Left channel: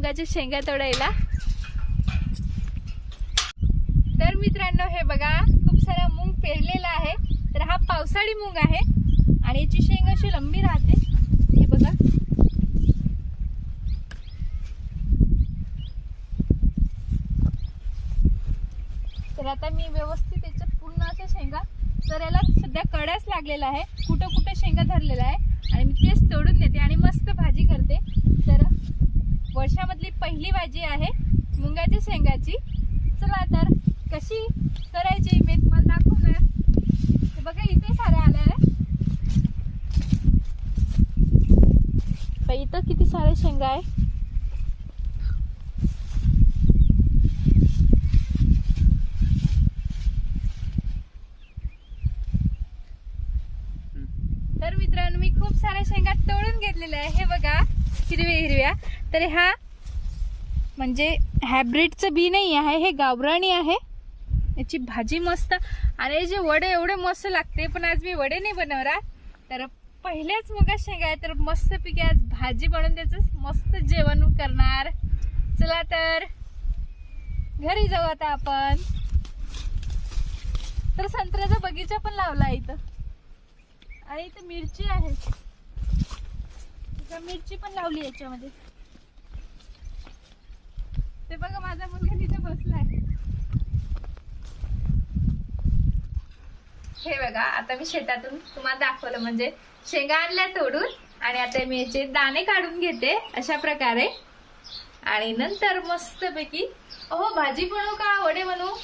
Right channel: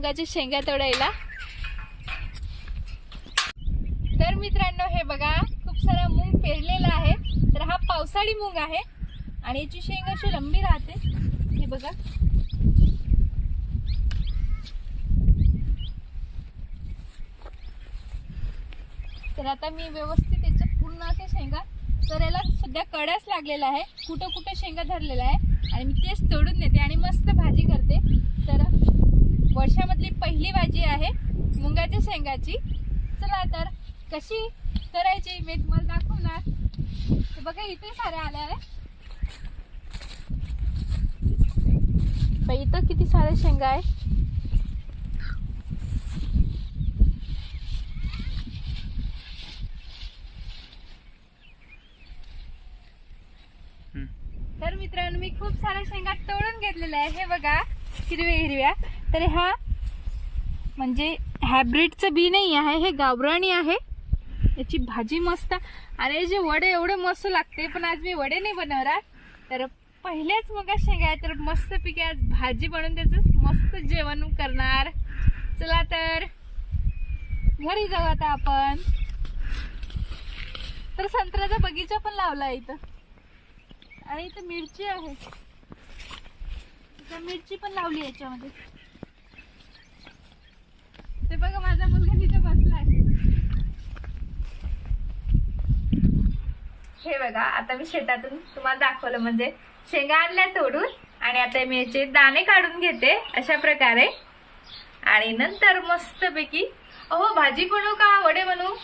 मुंगाच्या शेंगा तोडायला. तर मित्रांनो हे बघा खूप सारा मूग पेरलेला आहे. तर हा पावसाळी मूग आहे आणि याची शेंग अशी लंबी राहते. हे बघा. तर आता मी व्यवस्थित याच्यात पूर्ण अशा शेंगा तर याला सध्या कड्याच लागलेला आहे. कुठं कुठं शेंगा धरलेला आहे. आणि मी तेच तोडून नेते आणि मस्त भाजी करते. तर वर्षामधली पहिली भाजी आहे मुंगाच्या शेंगाची. चला तर कशी करायची मी तुम्हाला दाखवणार. बघा इथे साऱ्या आल्या बाई, इथं किती साऱ्या शेंगा आहे. तर मित्रांनो मी खूप साऱ्या शेंगा तोडून घेतलेल्या आहे. हे बघा हिरव्या हिरव्या तर हा म्हणजे हॅब्रिडचं बी नाही आहे हे गावराणी आहे. याची भाजी मस्त. आणि हे जे वडे एवढे मस्त लागते पण आज मी वडे नाही बनवणार. तर पहिल्याच मग शेंगा आहे तर मस्त पिके आज भाजी बनवून त्याचं मस्त जेवण करणार. चला तर घरी जाऊ आता आपण. तर संत्र्याचा बगीचा पण लावला इथं. आणि इथं मिरची आहे. मिरची पण लावली याच्यामध्ये ते बघा माझा मुलगा तिथे बसलाय हे बघा आता मी शेतातून तुम्हाला दाखवलं म्हणजे शेंगा आणल्या तोडून आणि आता मी याचे दाणे काढून घेते अशा प्रकारे. आणि नंतर मस्तपैकी अहो भाजी बनवू का? वडे बनवू?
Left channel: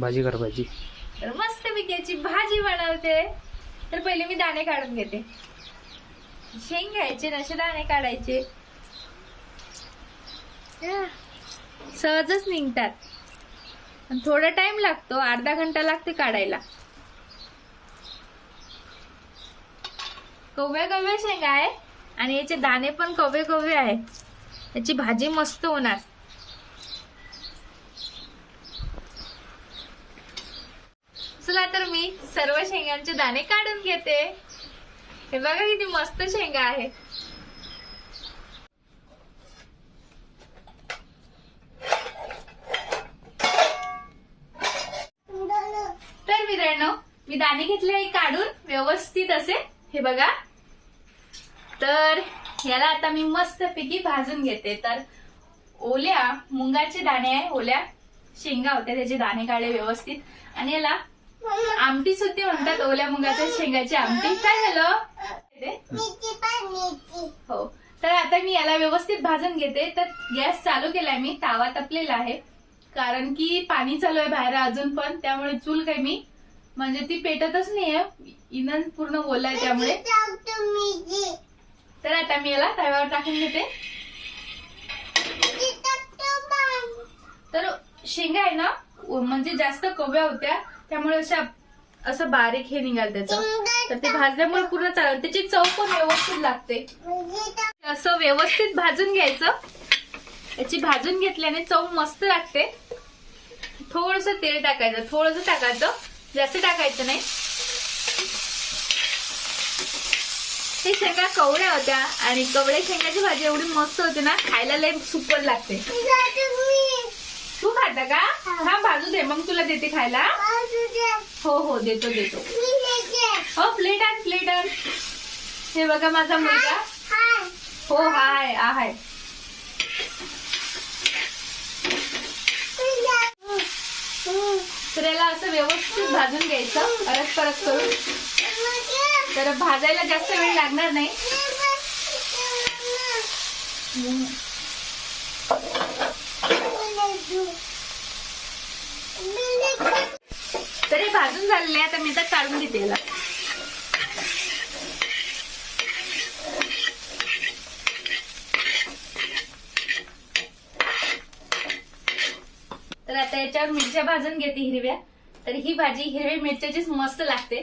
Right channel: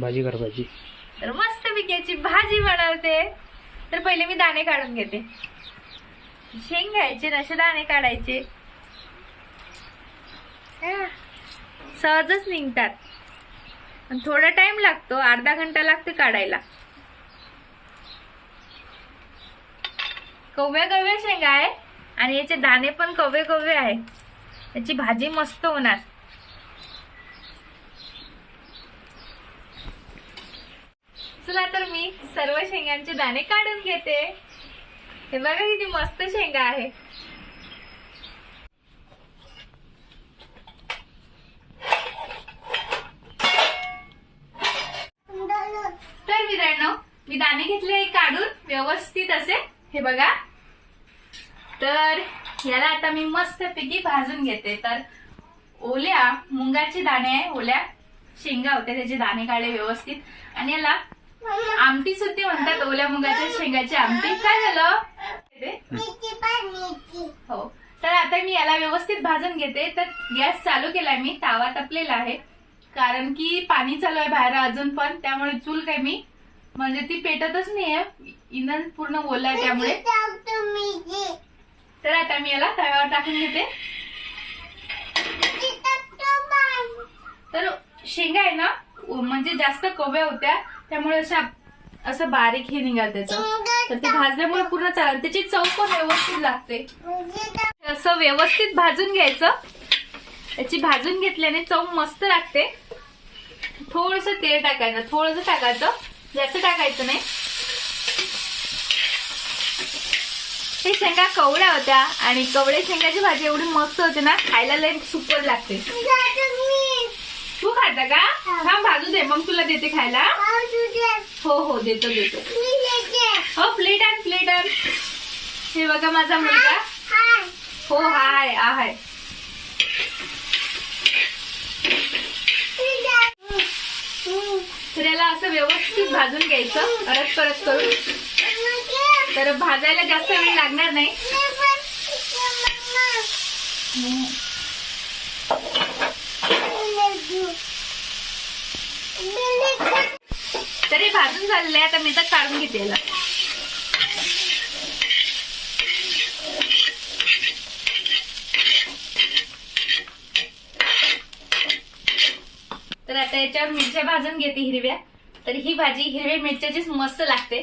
भाजी कर भाजी. तर मस्तपैकी याची भाजी बनवते. तर पहिले मी दाणे काढून घेते. शेंग घ्यायचे असे दाणे काढायचे. सहजच निघतात. थोडा टाइम लागतो अर्धा घंटा लागतो काढायला. कव्या कव्या शेंगा आहे आणि याचे दाणे पण कवे कवे आहे याची भाजी मस्त होणार. चला तर मी सर्व शेंगांचे दाणे काढून घेते. हे बघा किती मस्त शेंगा आहे तर मित्रांनो मी दाणे घेतले काढून. व्यवस्थित असे हे बघा. तर याला आता मी मस्त पैकी भाजून घेते. तर ओल्या मुंगाचे दाणे आहे ओल्या शेंगा होत्या त्याचे दाणे काढले व्यवस्थित. आणि याला आमटी सुद्धा म्हणतात ओल्या मुंगाच्या शेंगाची आमटी. काय झालं? हो. तर आता मी याला व्यवस्थित भाजून घेते. तर गॅस चालू केलाय मी तावा तपलेला आहे. कारण की पाणी चालू आहे बाहेर अजून पण त्यामुळे चूल काय मी म्हणजे ती पेटतच नाहीये. इंधन पूर्ण ओला आहे त्यामुळे. तर आता मी याला तव्यावर टाकून घेते. तर शेंगा आहे ना म्हणजे जास्त कव्या होत्या. त्यामुळे अशा असं बारीक हे निघाल त्याचं. तर ते भाजल्यामुळे पूर्ण चालत त्याची चव पण व्यवस्थित लागते. असं व्यवस्थित भाजून घ्यायचं. त्याची भाजून घेतल्याने चव मस्त लागते. थोडस तेल टाकायचं. थोडस टाकायचं. जास्त टाकायचं नाही. हे शेंगा कवड्या होत्या आणि कवडे शेंगाची भाजी एवढी मस्त होते ना खायला लय सुपर लागते. तू खाता का? हा भाजू दे. मग तुला देते खायला. हो हो देतो देतो. हो प्लेट आण प्लेट आण. हे बघा माझा मुलगा. हो हाय आहे तर याला असं व्यवस्थित भाजून घ्यायचं. परत परत करून. तर भाजायला जास्त वेळ लागणार नाही. तरी भाजून झालेले आहे. आता मी तर काढून घेते याला. तर आता याच्यावर मिरच्या भाजून घेते हिरव्या. तर ही भाजी हिरव्या मिरच्याचीच मस्त लागते.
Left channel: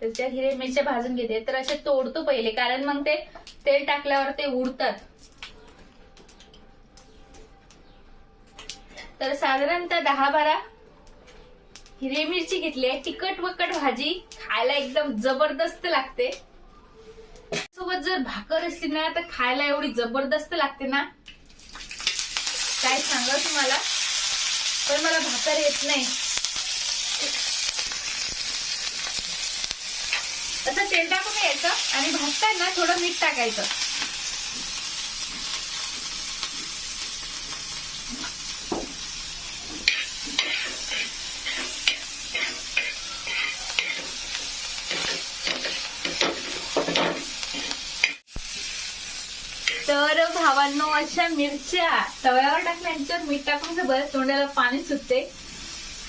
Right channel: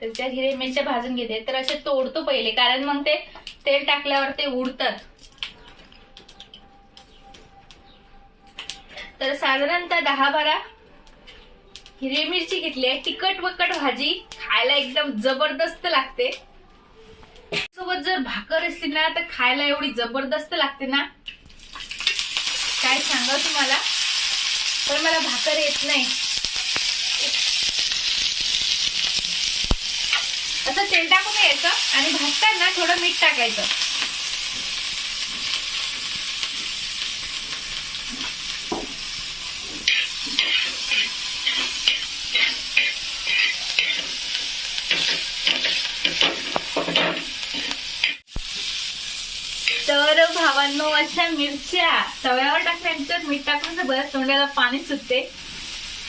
त्याच्यात हिरव्या मिरच्या भाजून घेते. तर असे तोडतो पहिले कारण मग ते तेल टाकल्यावर ते उडतात. तर साधारणतः दहा बारा हिरवी मिरची घेतली आहे. तिखट वकट भाजी खायला एकदम जबरदस्त लागते. सोबत जर भाकर असली ना तर खायला एवढी जबरदस्त लागते ना. काय सांगा तुम्हाला? पण मला भाकर येत नाही. असं तेल टाकून यायचं आणि भाजताना थोडं मीठ टाकायचं. तर अशा मिरच्या तव्यावर टाकल्यानंतर मीठ टाकून बरं तोंडाला पाणी सुटते.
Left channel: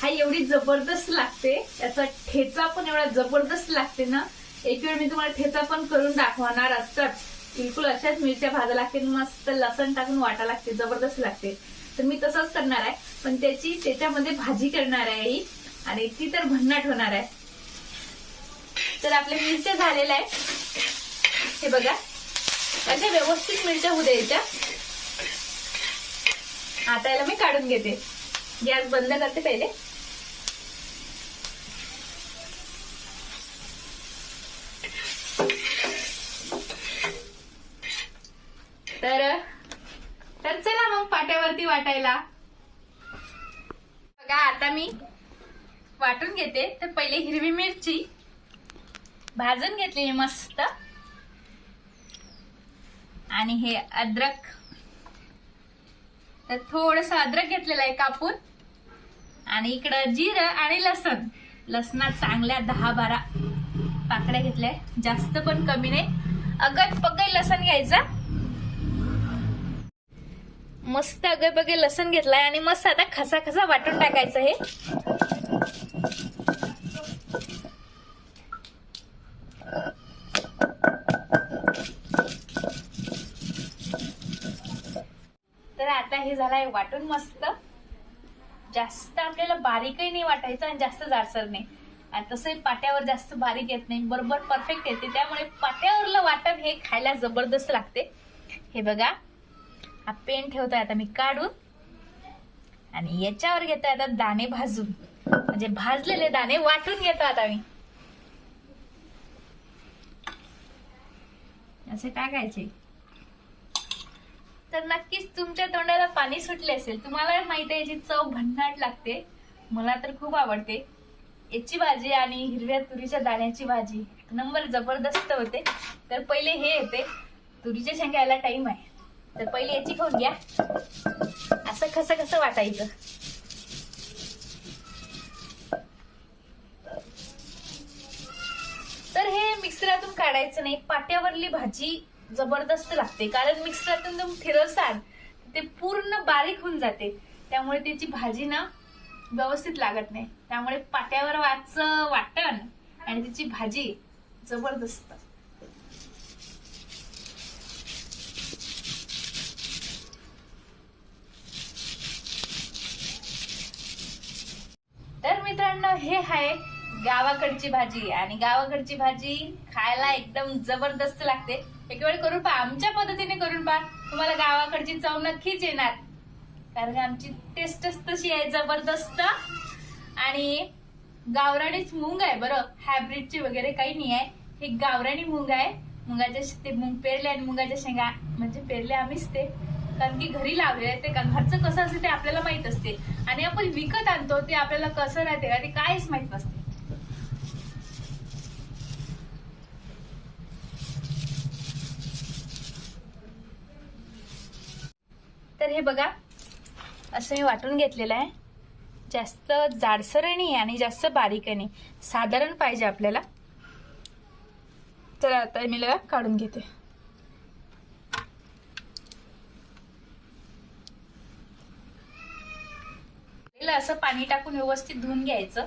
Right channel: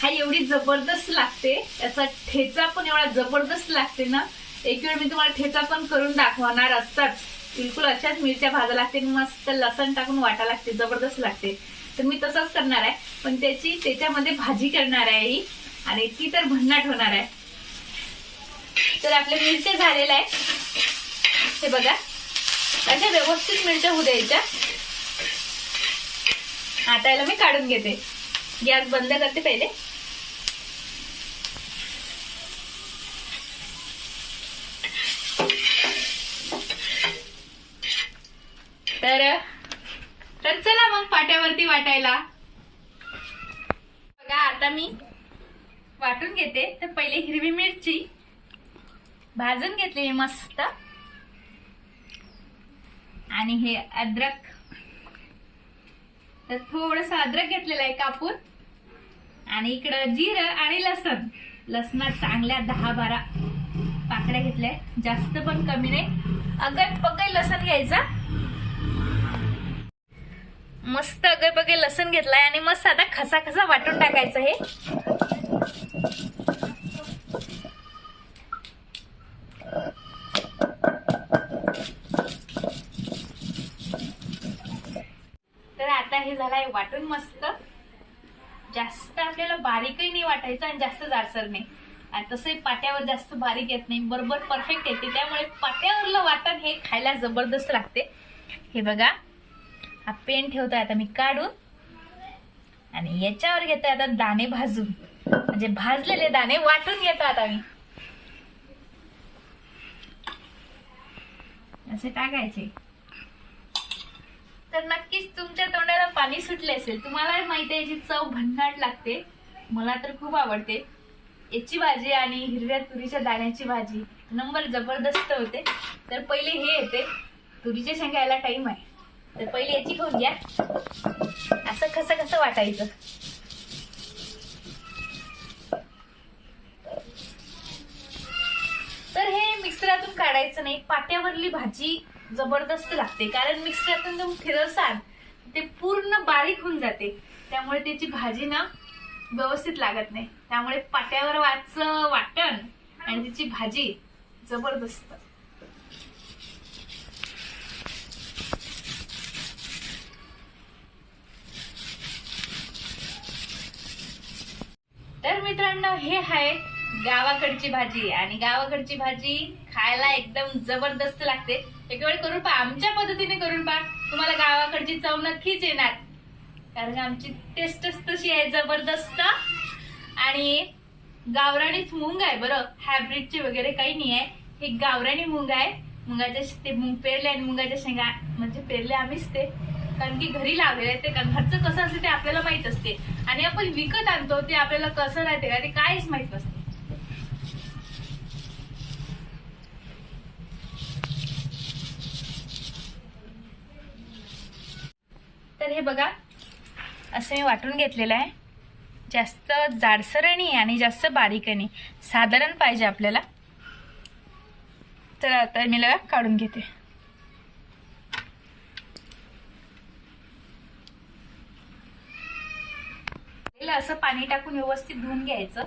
हा एवढी जबरदस्त लागते. याचा ठेचा पण एवढा जबरदस्त लागते ना एक वेळ मी तुम्हाला ठेचा पण करून दाखवणार असताच. बिलकुल अशाच मिरच्या भाजा लागते मस्त लसण टाकून वाटा लागते जबरदस्त लागते. तर मी तसंच करणार आहे. पण त्याची त्याच्यामध्ये भाजी करणार आहे ही आणि ती तर भन्नाट होणार आहे. तर आपल्या मिरच्या झालेल्या आहे. हे बघा. अशा व्यवस्थित मिरच्या होऊ द्यायच्या. आता याला मी काढून घेते. गॅस बंद करते पहिले. तर तर चला मग पाट्यावरती वाटायला. बघा आता मी वाटून घेते. तर पहिले हिरवी मिरची भाजून घेतली मस्त. आणि हे अद्रक. तर थोडस अद्रक घेतलेलं आहे कापून. आणि इकडं जिरं आणि लसण. लसणात चांगल्या दहा बारा पाकड्या घेतल्या जास्त पण कमी नाही. अगट पगड लसण घ्यायचं. मस्त अगड पगड लसण घेतलाय आणि मस्त आता खसा खसा वाटून टाकायचं हे. तर वाटून मस्त. जास्त आपल्याला बारीकही नाही वाटायचं आणि जास्त जाडसर नाही. आणि तसंही पाट्यावर जास्त बारीक येत नाही. बरोबर परफेक्ट येते. त्यामुळे पाट्यावरलं वाटण हे खायला जबरदस्त लागते. हे बघा हा पेन ठेवतोय आता मी काढून. आणि याच्यावर घेतोय आता दाणे भाजून. म्हणजे भाजलेले दाणे वाटून घेतो आता मी. असे टाकायचे. तर नक्कीच तुमच्या तोंडाला पाणी सुटले असेल. तुम्हाला माहिती आहे याची चव भन्नाट लागते. मला तर खूप आवडते. याची भाजी आणि हिरव्या तुरीच्या दाण्याची भाजी नंबर जबरदस्त होते. तर पहिले हे येते. तुरीच्या शेंगा यायला टाइम आहे. तर पहिले याची खाऊन घ्या. असं कसं कसं वाटायचं? तर हे मिक्सरातून काढायचं नाही. पाट्यावरली भाजी जबरदस्त लागते. कारण मिक्सरातून तुम्ही फिरवसाल ते पूर्ण बारीक होऊन जाते. त्यामुळे त्याची भाजी ना व्यवस्थित लागत नाही. त्यामुळे पाट्यावर वाच वाटण आणि त्याची भाजी जबरदस्त. तर मित्रांनो हे आहे गावाकडची भाजी. आणि गावाकडची भाजी खायला एकदम जबरदस्त लागते. एक वेळ करून पहा. आमच्या पद्धतीने करून पहा. तुम्हाला गावाकडची चव नक्कीच येणार. कारण आमची टेस्टच तशी आहे जबरदस्त. आणि गावरानीच मुंग आहे बरं. हायब्रिडचे वगैरे काही नाही आहे. हे गावरानी मुंग आहे. मुगाच्या ते मुंग पेरले आणि मुगाच्या शेंगा म्हणजे पेरले आम्हीच ते. कारण की घरी लावलेले आहे ते. का- घरचं कसं असते ते आपल्याला माहीत असते. आणि आपण विकत आणतो ते आपल्याला कसं राहते का ते काहीच माहीत नसते. तर हे बघा असं मी वाटून घेतलेलं आहे. जास्त जाडसर नाही आणि जास्त बारीक नाही. साधारण पाहिजे आपल्याला. तर आता मी लगा काढून घेते. असं पाणी टाकून व्यवस्थित धुवून घ्यायचं.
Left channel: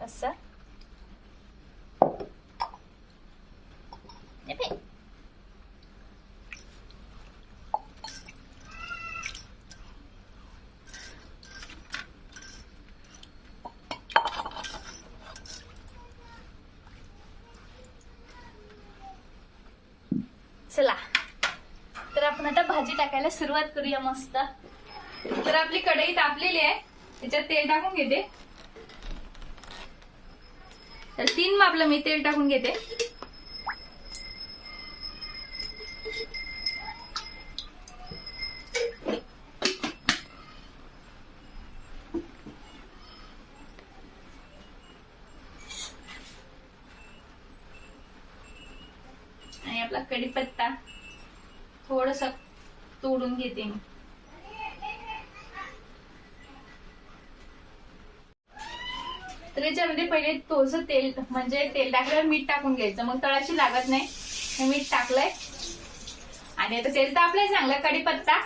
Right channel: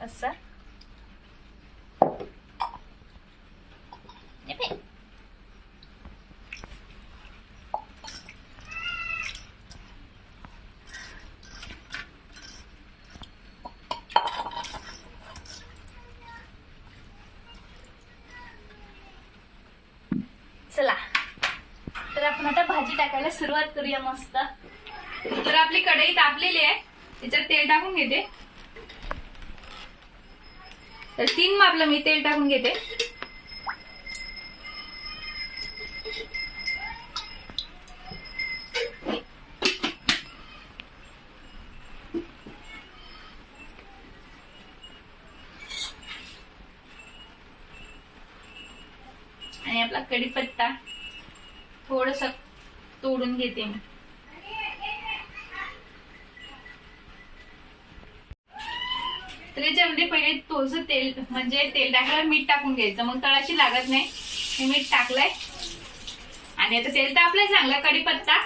असं. Dip it. चला. तर आपण आता भाजी टाकायला सुरुवात करूया मस्त. तर आपली कढई तापलेली आहे. त्याच्यात तेल टाकून घेते. तर तीन मापलं मी तेल टाकून घेते. कढीपत्ता थोडस तोडून घेते मी. तर याच्यामध्ये पहिले थोडस तेल म्हणजे तेल टाकल्यावर मीठ टाकून घ्यायचं. मग तळाशी लागत नाही. हे मीठ टाकलंय. आणि आता तेल तापलंय चांगलं. कढीपत्ता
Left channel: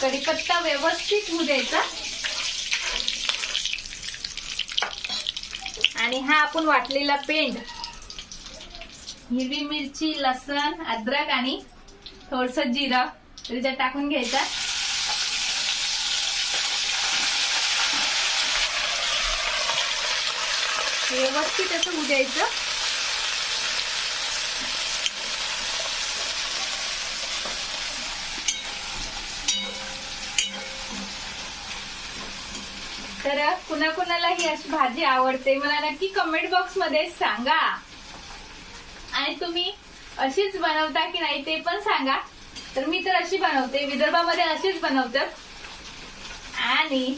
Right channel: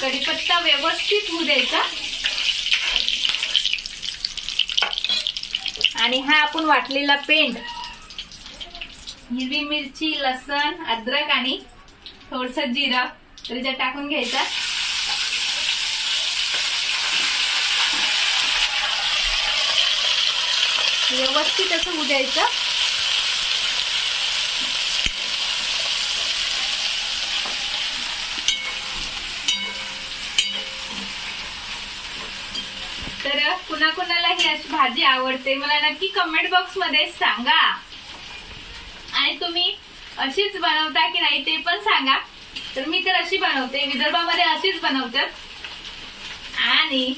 कढीपत्ता व्यवस्थित होऊ द्यायचा. आणि हा आपण वाटलेला पेंड हिरवी मिरची लसण अद्रक आणि थोडस जिरं. त्याच्यात टाकून घ्यायचा. व्यवस्थित असं उद्यायचं तर कुणाकुणाला ही अशी भाजी आवडते मला नक्की कमेंट बॉक्समध्ये सांगा. आणि तुम्ही अशीच बनवता की नाही ते पण सांगा. तर मी तर अशी बनवते विदर्भामध्ये अशीच बनवतात आणि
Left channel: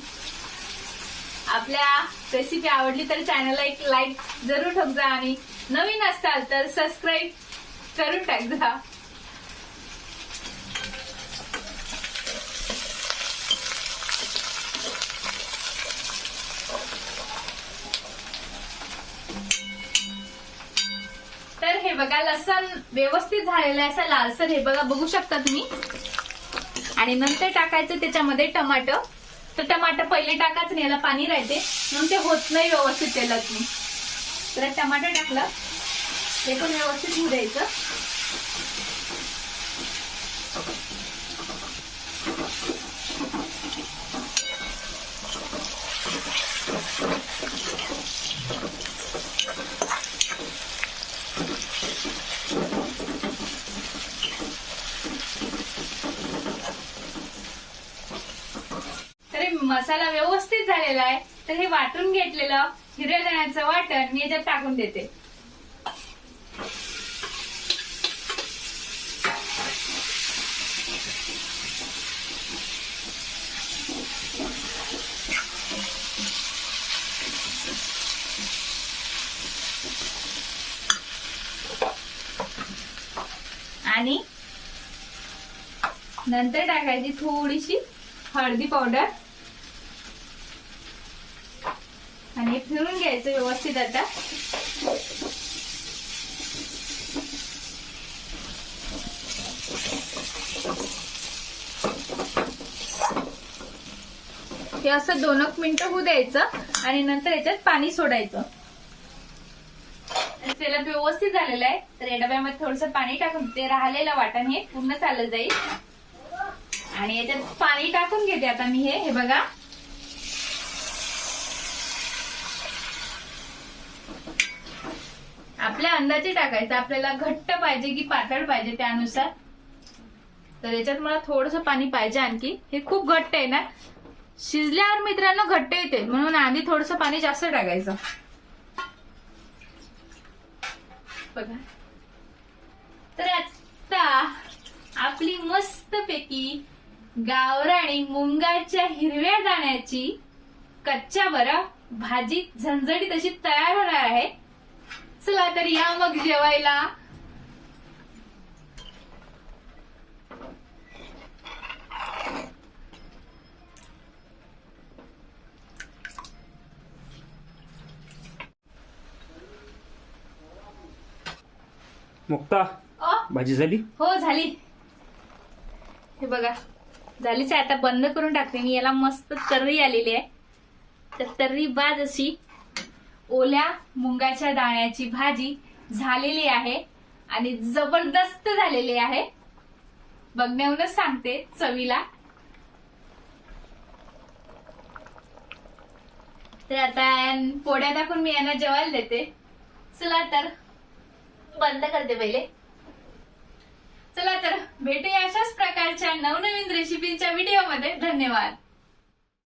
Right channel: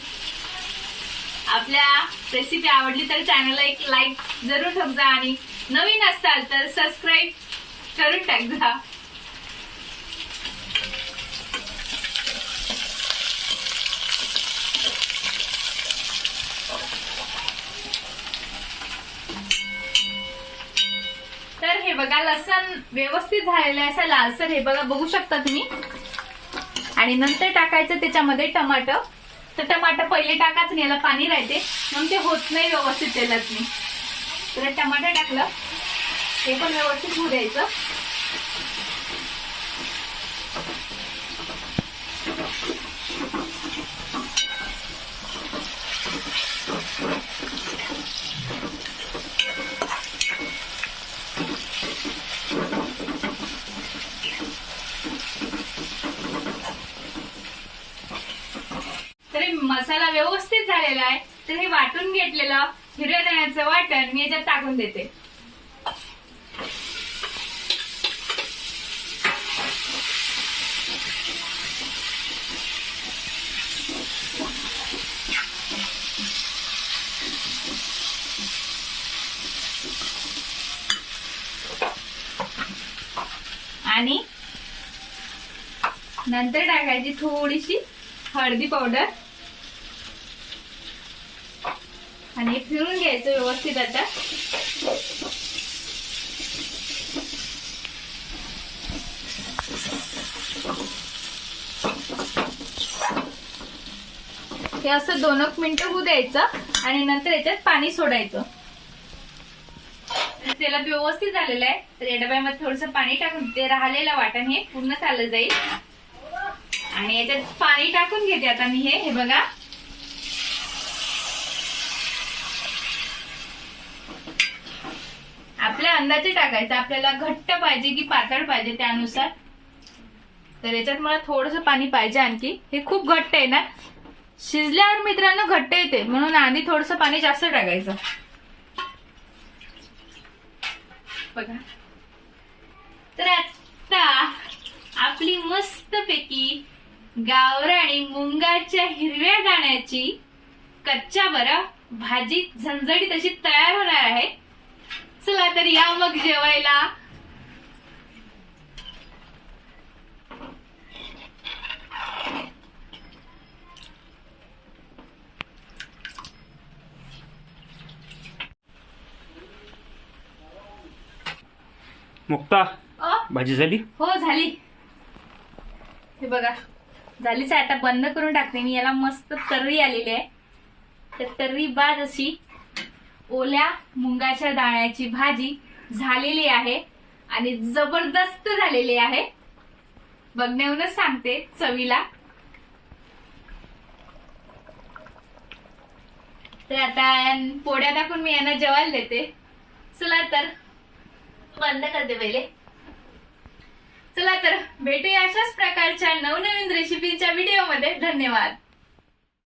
आपल्या रेसिपी आवडली तर चॅनलला एक लाईक जरूर ठेव जा आणि नवीन असाल तर सबस्क्राईब करून टाक जा बघा लसण व्यवस्थित झालेलं आहे असं लालसर हे बघा बघू शकता तुम्ही. आणि नंतर टाकायचं त्याच्यामध्ये टमाटर तर टमाटर पहिले टाकाच नाही याला पाणी राहते. म्हणून ते होत नाही व्यवस्थित तेलात नाही तर टमाटर टाकलं. ते पण व्यवस्थित होऊ द्यायचं तर हे मसाला व्यवस्थित झालेला आहे. तर हे वाटून घेतलेलं हिरव्या धण्याचं वाटण मी याच्यात टाकून देते. आणि नंतर टाकायची थोडीशी हळदी पावडर. आणि फिरून घ्यायचं व्यवस्थित आता. हे असं दोन एक मिनिटं होऊ द्यायचं आणि नंतर याच्यात पाणी सोडायचं. तेलात व्यवस्थित झालेलं आहे. तर या डब्यामध्ये थोडस पाणी टाकून ते राहिलेलं वाटण हे पूर्ण चाललं जाईल. आणि याच्यात पाणी टाकून घेते आता मी हे. हे बघा आपल्या अंदाजे टाकायचं. आपल्याला घट्ट पाहिजे की पातळ पाहिजे त्यानुसार. तर याच्यात मला थोडस पाणी पाहिजे आणखी. हे खूप घट्ट आहे ना? शिजल्यावर मित्रांनो घट्ट येते. म्हणून आधी थोडस पाणी जास्त टाकायचं. बघा. तर आता आपली मस्तपैकी गावराणी मुंगाच्या हिरव्या दाण्याची कच्च्या बरं भाजी झणझणीत अशी तयार होणार आहे. चला तर या मग जेवायला. मुक्ता अ? भाजी झाली? हो झाली. हे बघा झालीच आहे. आता बंद करून टाकते. मी याला मस्त तर्री आलेली आहे. तर तर्री बाद अशी ओल्या मुंगाच्या दाण्याची भाजी झालेली आहे आणि जबरदस्त झालेली आहे. बघण्याहूनच सांगते चवीला. तर आता पोळ्या टाकून मी यांना जेवायला देते. चला तर. बंद करते पहिले. चला तर. भेटूया अशाच प्रकारच्या नवनवीन रेसिपीच्या व्हिडिओमध्ये धन्यवाद.